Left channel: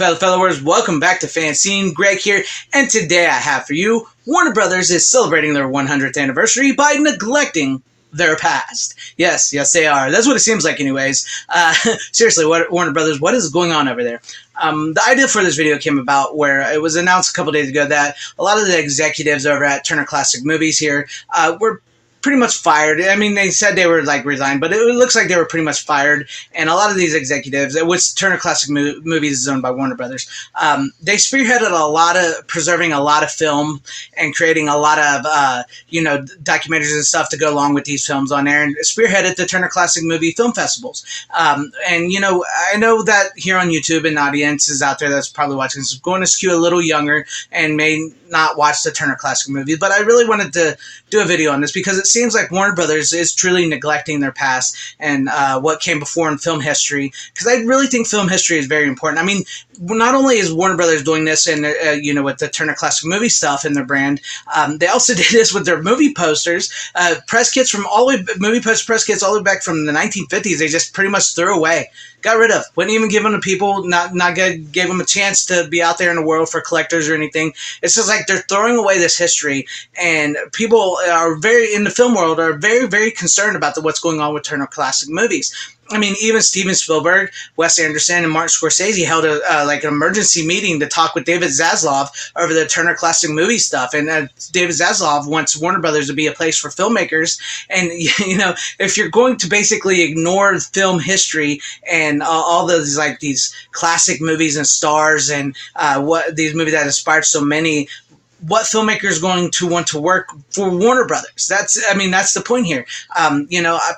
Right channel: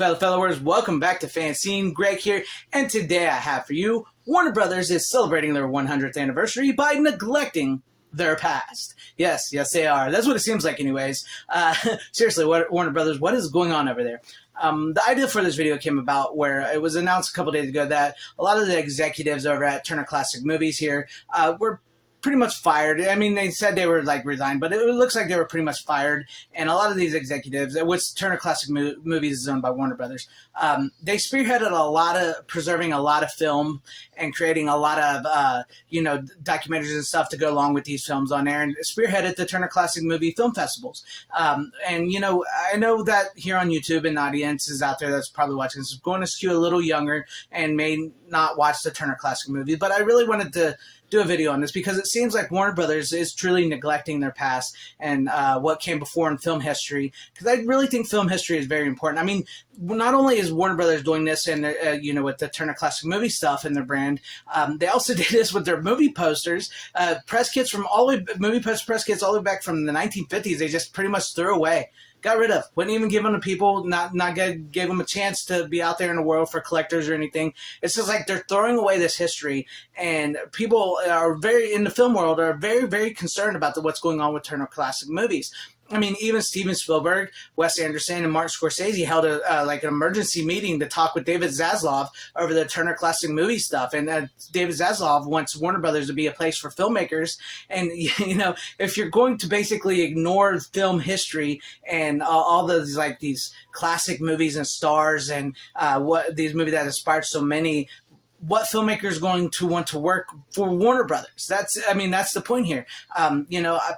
fellow followers, welcome back to FanZcene. Greg here, and today I have for you, Warner Brothers is celebrating their 100th anniversary by neglecting their past. Yes, they are. That's what it seems like anyways. Seriously, Warner Brothers, what is going on over there? The idea for this video came about where it was announced a couple days ago that a lot of the executives over at Turner Classic Movies here were pretty much fired. I mean, they said they were like resigned, but it looks like they were pretty much fired. And a lot of these executives, which Turner Classic Movies is owned by Warner Brothers, they spearheaded a lot of preserving a lot of film and creating a lot of documentaries and stuff to go along with these films on there, and spearheaded the Turner Classic Movie Film Festivals. And I know that here on YouTube, an audience is out there that's probably watching this is going to skew a little younger and may not watch the Turner Classic Movies, but I really wanted to do a video on this because it seems like Warner Brothers is truly neglecting their past and what came before in film history, because I really think film history is very important. I mean, not only is Warner Brothers doing this and with the Turner Classic Movie stuff in their brand, they also did this with their movie posters, press kits from movie poster press kits all the way back from the 1950s. They just pretty much threw away, got rid of, wouldn't even give them to people, gave them a chance to be out there in the world for collectors or anything. It's just like they're throwing away this history, and people are in the film world are very, very concerned about what's going on with Turner Classic Movies. I mean, even Steven Spielberg, Wes Anderson, and Martin Scorsese held an emergency meeting to talk with David Zaslav over the Turner Classic Movie stuff. And David Zaslav wants Warner Brothers to be a place for filmmakers. And if you're going to basically ignore film history and all those these classic movies and stars and what these movies that inspired so many, what filmmaker is going to want to work for Warner Brothers? That's the point here.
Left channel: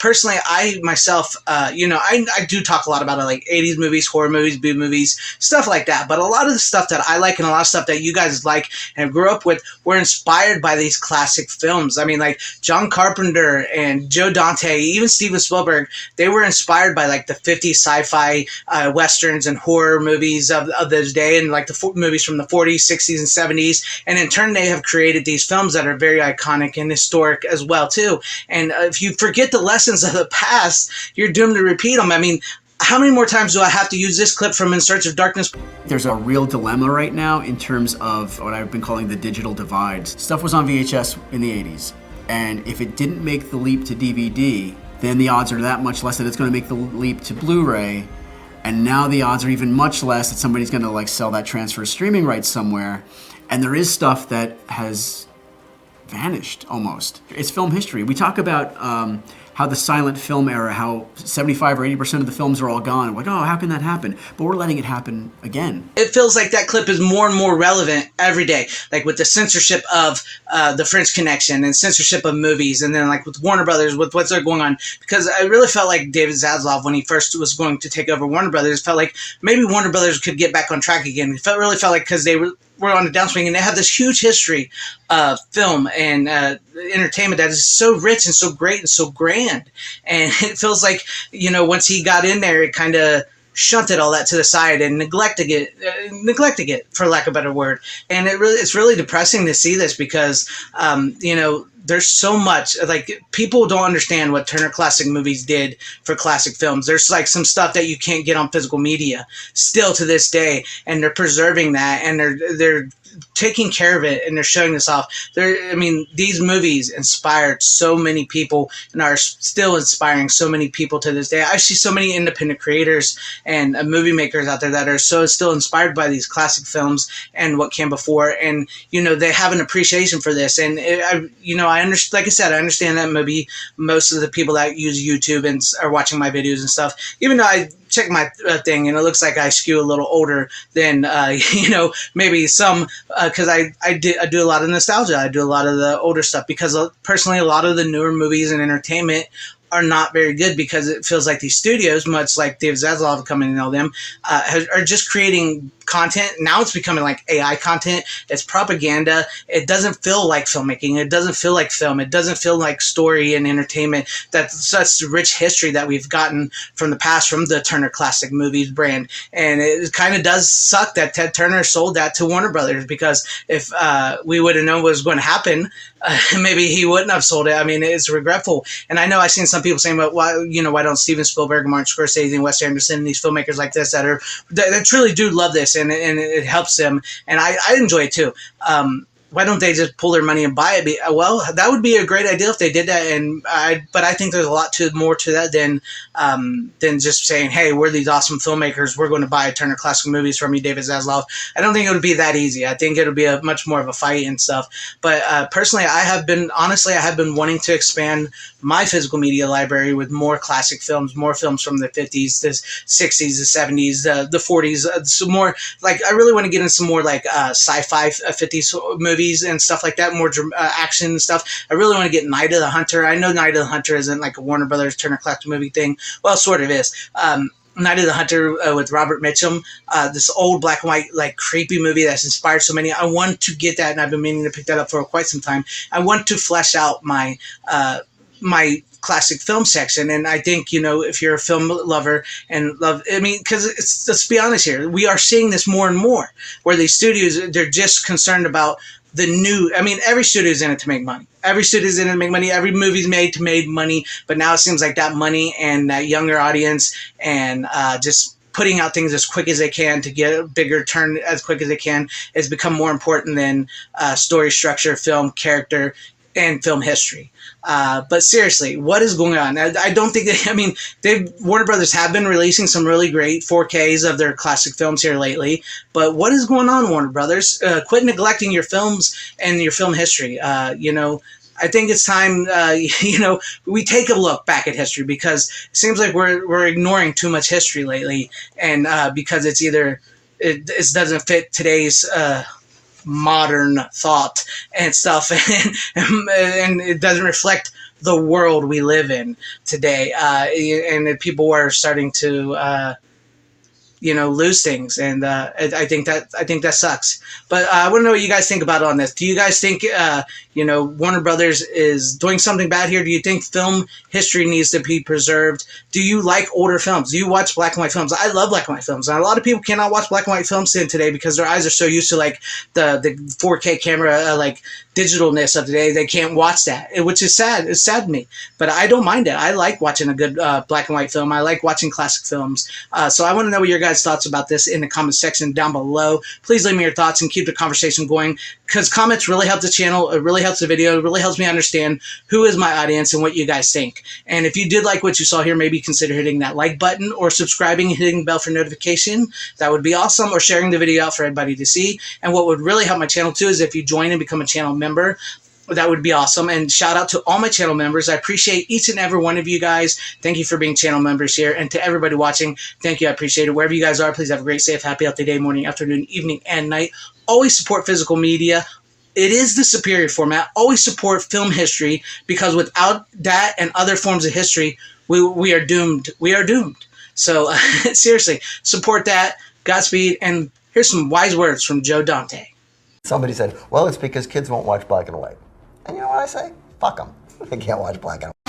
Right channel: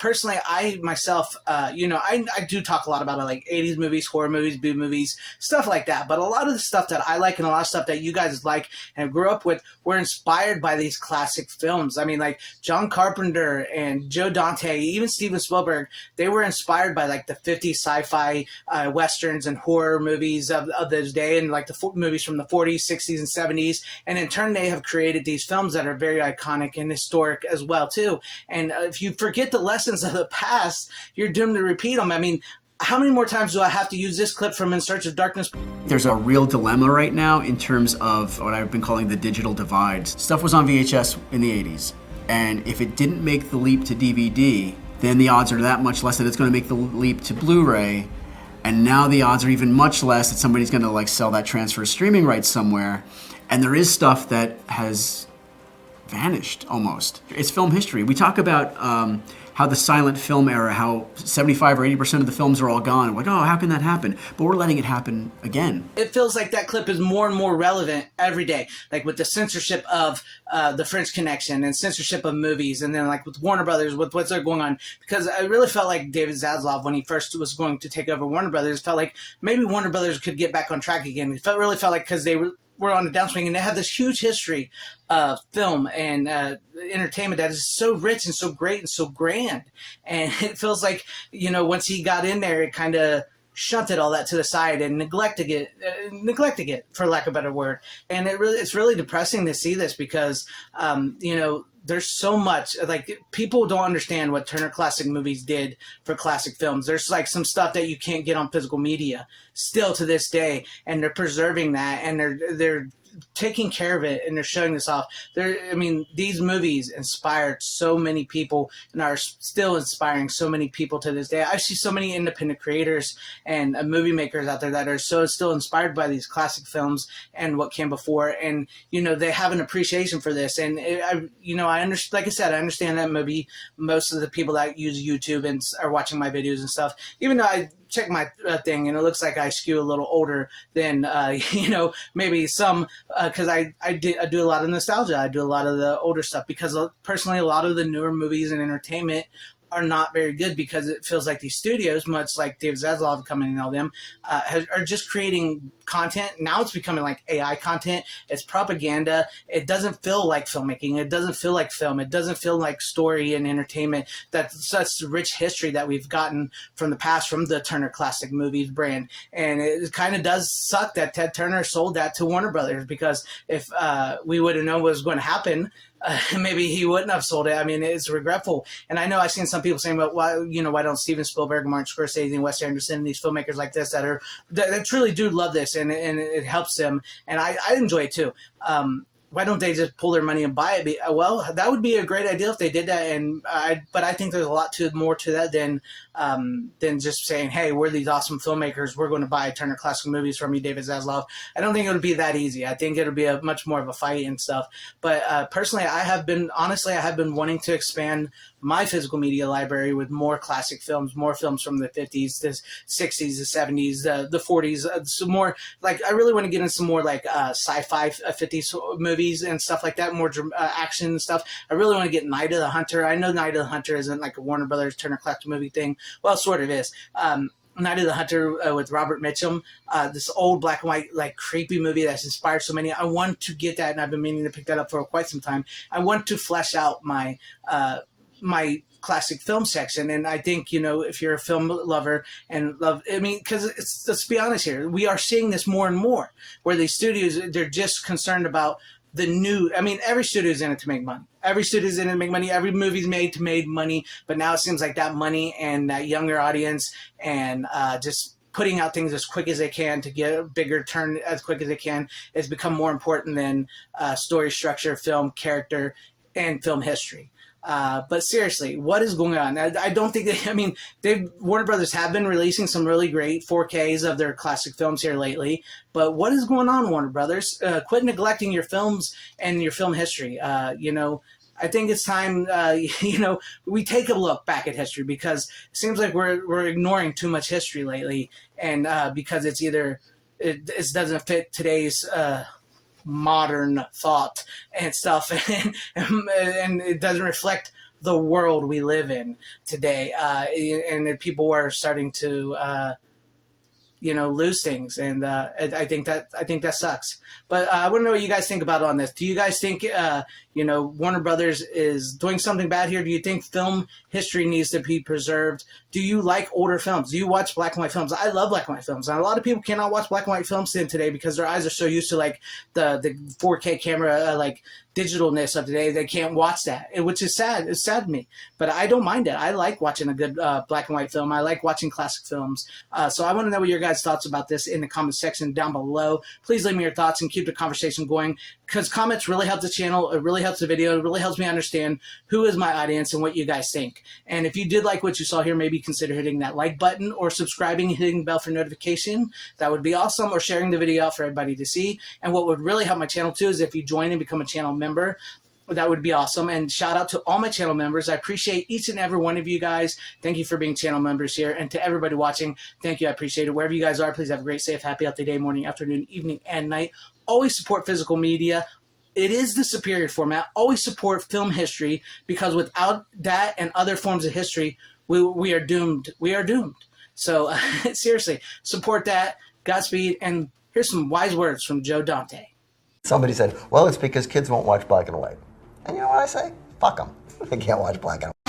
Personally, I myself, I do talk a lot about like 80s movies, horror movies, B movies, stuff like that. But a lot of the stuff that I like and a lot of stuff that you guys like and grew up with were inspired by these classic films. I mean, like John Carpenter and Joe Dante, even Steven Spielberg, they were inspired by like the 50s sci-fi westerns and horror movies of this day, and like the movies from the 40s, 60s, and 70s. And in turn, they have created these films that are very iconic and historic as well too. And if you forget the lessons of the past, you're doomed to repeat them. I mean, how many more times do I have to use this clip from In Search of Darkness? There's a real dilemma right now in terms of what I've been calling the digital divide. Stuff was on VHS in the 80s, and if it didn't make the leap to DVD, then the odds are that much less that it's going to make the leap to Blu-ray. And now the odds are even much less that somebody's going to sell that transfer streaming rights somewhere. And there is stuff that has vanished almost. It's film history. We talk about how the silent film era, how 75 or 80% of the films are all gone. Like, oh, how can that happen? But we're letting it happen again. It feels like that clip is more and more relevant every day, like with the censorship of the French Connection and censorship of movies, and then like with Warner Brothers, with what's going on. Because I really felt like David Zaslav, when he first was going to take over Warner Brothers, felt like maybe Warner Brothers could get back on track again. It really felt like because they were on a downswing, and they have this huge history of film and entertainment that is so rich and so great and so grand. And it feels like, once he got in there, it kind of shunted all that to the side and neglected it, for lack of a better word. And it's really depressing to see this because, there's so much, people don't understand what Turner Classic Movies did for classic films. There's some stuff that you can't get on physical media still to this day, and they're preserving that, and they're taking care of it, and they're showing this off. These movies inspired so many people and are still inspiring so many people to this day. I see so many independent creators and movie makers out there that are still inspired by these classic films and what came before, and they have an appreciation for this. And I understand, like I said, I understand that maybe most of the people that use YouTube and are watching my videos and stuff, even though I check my thing and it looks like I skew a little older than maybe some, because I do a lot of nostalgia. I do a lot of the older stuff because personally a lot of the newer movies and entertainment are not very good, because it feels like these studios, much like David Zaslav coming and all them, are just creating content. Now it's becoming like AI content. It's propaganda. It doesn't feel like filmmaking. It doesn't feel like film. It doesn't feel like story and entertainment. That's such rich history that we've gotten from the past, from the Turner Classic Movies brand. And it kind of does suck that Ted Turner sold that to Warner Brothers, because if we would have known what was going to happen, maybe he wouldn't have sold it. I mean, it's regretful. And I know I've seen some people saying, "But why don't Steven Spielberg, Martin Scorsese, and Wes Anderson, and these filmmakers like this that truly do love this this, and it helps them, and I enjoy it too. Why don't they just pull their money and buy it? Well, that would be a great idea if they did that. But I think there's a lot more to that than just saying, "Hey, we're these awesome filmmakers. We're going to buy Turner Classic Movies from you, David Zaslav." I don't think it would be that easy. I think it would be a much more of a fight and stuff. But personally, I have been wanting to expand my physical media library with more classic films, more films from the 50s, the 60s, the 70s, the 40s. Some more, like, I really want to get into some more like sci-fi 50s movies and stuff like that, more action and stuff. I really want to get Night of the Hunter. I know Night of the Hunter isn't like a Warner Brothers Turner Classic movie thing. Well, sort of is. Night of the Hunter with Robert Mitchum, this old black and white, like, creepy movie that's inspired so many. I want to get that, and I've been meaning to pick that up for quite some time. I want to flesh out my my classic film section, and I think, if you're a film lover and love, I mean, because let's be honest here, we are seeing this more and more, where these studios, they're just concerned about the new. I mean, every studio's in it to make money. Every studio's in it to make money. Every movie's made to make money. But now it seems like that money and that younger audience and just putting out things as quick as they can to get a bigger turn as quick as they can has become more important than story structure, film character, and film history. But seriously, what is going on? I don't think Warner Brothers have been releasing some really great 4Ks of their classic films here lately, but what is going on, Warner Brothers? Quit neglecting your films and your film history. I think it's time, we take a look back at history, because it seems like we're ignoring too much history lately, and because it's either it doesn't fit today's modern thought and stuff, and it doesn't reflect the world we live in today, and people are starting to lose things, and I think that sucks. But I want to know what you guys think about it on this. Do you guys think Warner Brothers is doing something bad here? Do you think film history needs to be preserved? Do you like older films? Do you watch black and white films? I love black and white films. And a lot of people cannot watch black and white films today because their eyes are so used to like the 4K camera digitalness of today. They can't watch that, which is sad. It's sad to me, but I don't mind it. I like watching a good black and white film. I like watching classic films. So I want to know what your guys' thoughts about this in the comment section down below. Please leave me your thoughts and keep the conversation going, because comments really help the channel. It really helps the video. It really helps me understand who is my audience and what you guys think. And if you did like what you saw here, maybe consider hitting that like button or subscribing and hitting the bell for notification. That would be awesome. Or sharing the video out for everybody to see. And what would really help my channel too is if you join and become a channel member. That would be awesome. And shout out to all my channel members. I appreciate each and every one of you guys. Thank you for being channel members here. And to everybody watching, thank you. I appreciate it. Wherever you guys are, please have a great, safe, happy, healthy day, morning, afternoon, evening, and night. Always support physical media. It is the superior format. Always support film history, because without that and other forms of history, we are doomed. We are doomed. So seriously, support that. Godspeed. And here's some wise words from Joe Dante. Somebody said, well, it's because kids won't watch black and white. And you know what I say? Fuck them. They can't watch black and white.